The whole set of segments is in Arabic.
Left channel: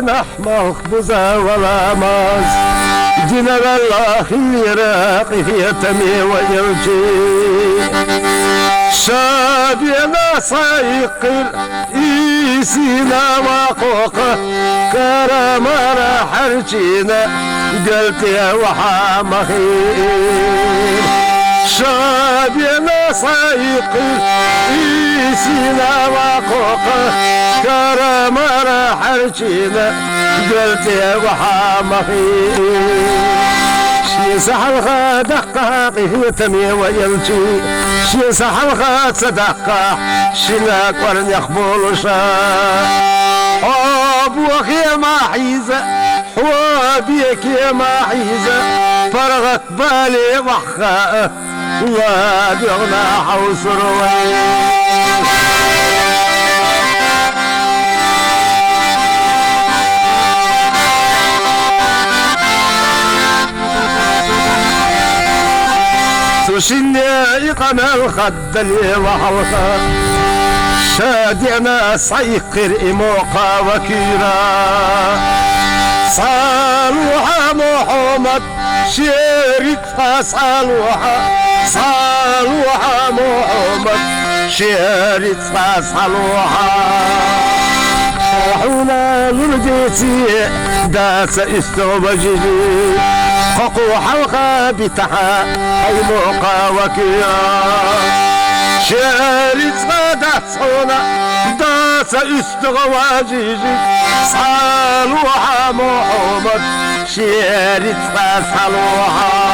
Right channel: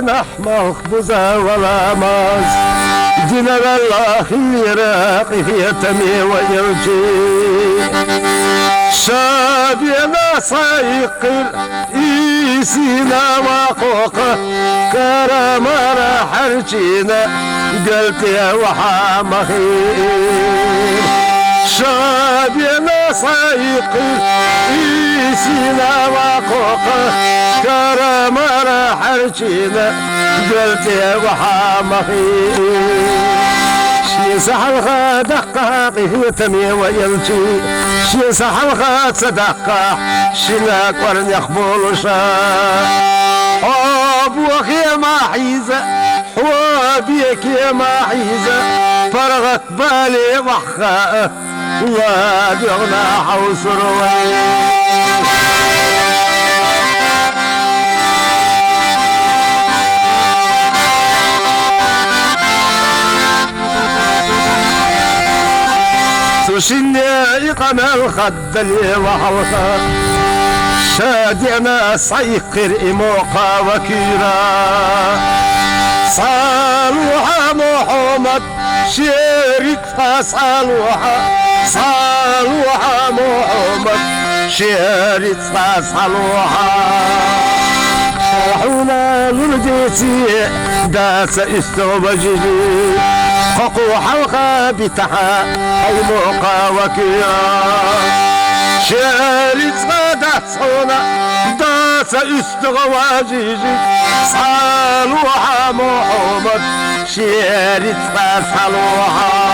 نحمق بزا ولا ماز دينا الله يراقي في تمي ويرجي شابينا سايقر إيسينا وقوقه كرامنا حرجينا قلت يا وحامخير شابينا سايقر إيسينا وقوقه كرامنا حرجينا قلت يا وحامخير سحل دقة في تمي ويلجي شي سحل صدقة شناك ورن يخبول شاء حبوك يا محيزة حبيك يا محيزة فرغت بالي وخاء لا دغنا حوس روي وشني قم الخد اللي وحوطه شادينا سيقر إموقا وكيرا صالوها محمد شيرتها صالوها محمد شيرتها صالوها حونا لرديتي داس استوبجي قوقو حلقة بتحا هاي موقع وكيا شارت صدحصونا داس استغواجيجي صالوها محمد شارت صالوها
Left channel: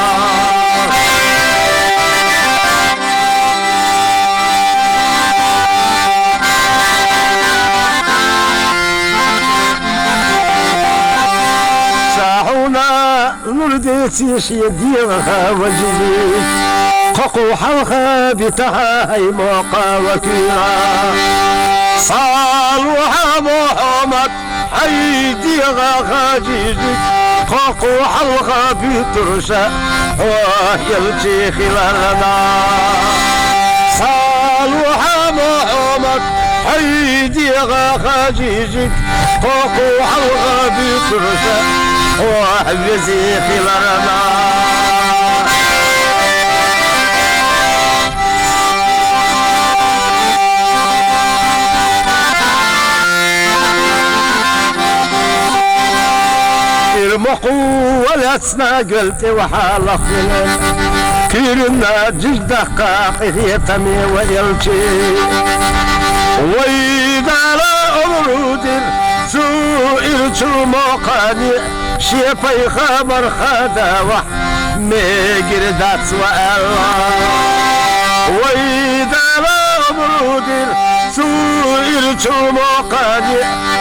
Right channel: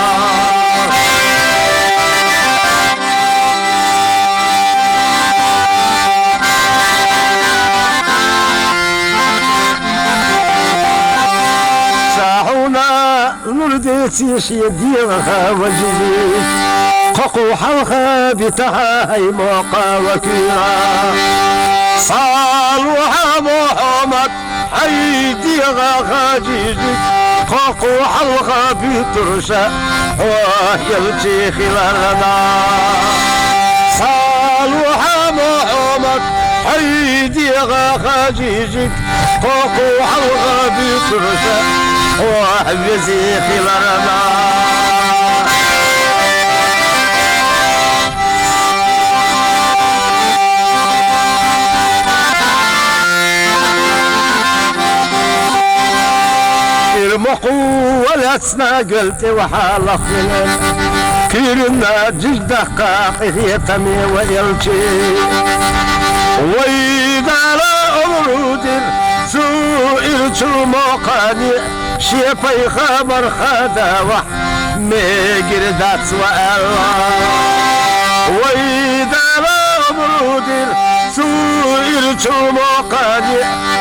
نرديتي شيديها وجدي قوقو حلقة بتها هاي موقع وكيرا صالوها محمد حيديها خاجيجي قوقو حلقة بترشا ويلجي خلالنا صالوها محمد حيديها خاجيجي قوقو حلقة بترشا وحبزي خلالنا ارمقوا والاسنا قلت وحالخنا كيرنا جج دقاقي في تمي ويلجي واذا لا امرودر سئلت موقاني شيفي خبر خداوة ميقردات والله واذا لا امرودر سئلت موقاني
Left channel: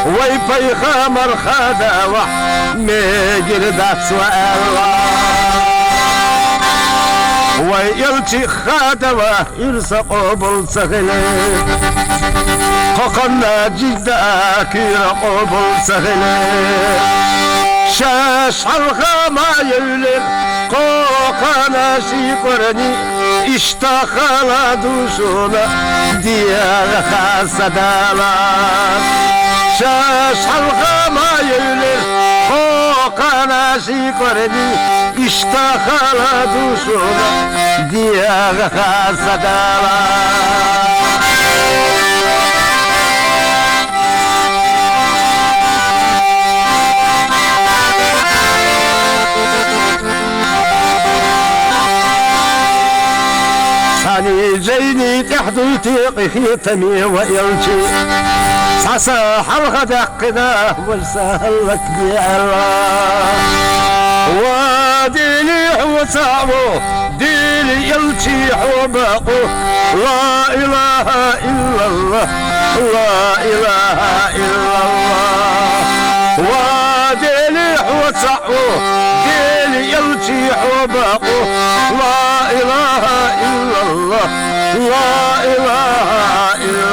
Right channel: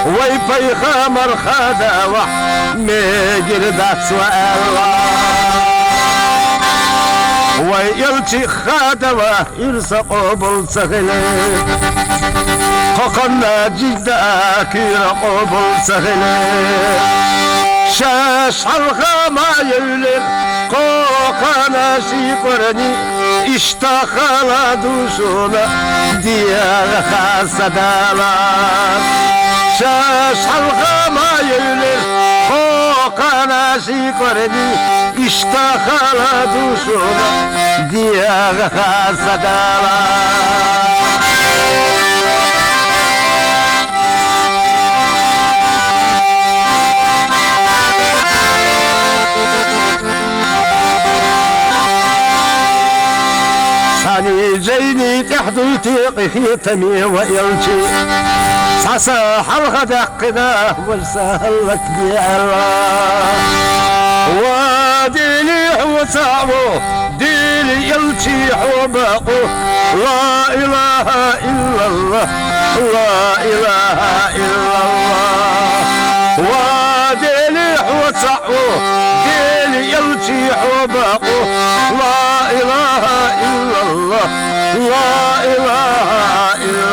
ويفي خمر خداوة ميقردات والله ويلتي خداوة يرسقوا بالسغلي قوقنا جداك يرقوا بالسغلي شاش حلقة ما يولر قوقنا شيقرني اشتخل دوشونا ديار خاصة دالات شاش حلقة ما يولر قوقنا شيقرني اشتخل دوشونا ديار خاصة دالات جيني تحدي تيقي في تمي ويلجي ساسا حلقة دقنا والسهل لك الله وديني حوسعو ديني يلجي حبقو لا إله إلا الله لا إله إلا الله وديني حوسعو ديني يلجي حبقو لا إله إلا الله لا إله إلا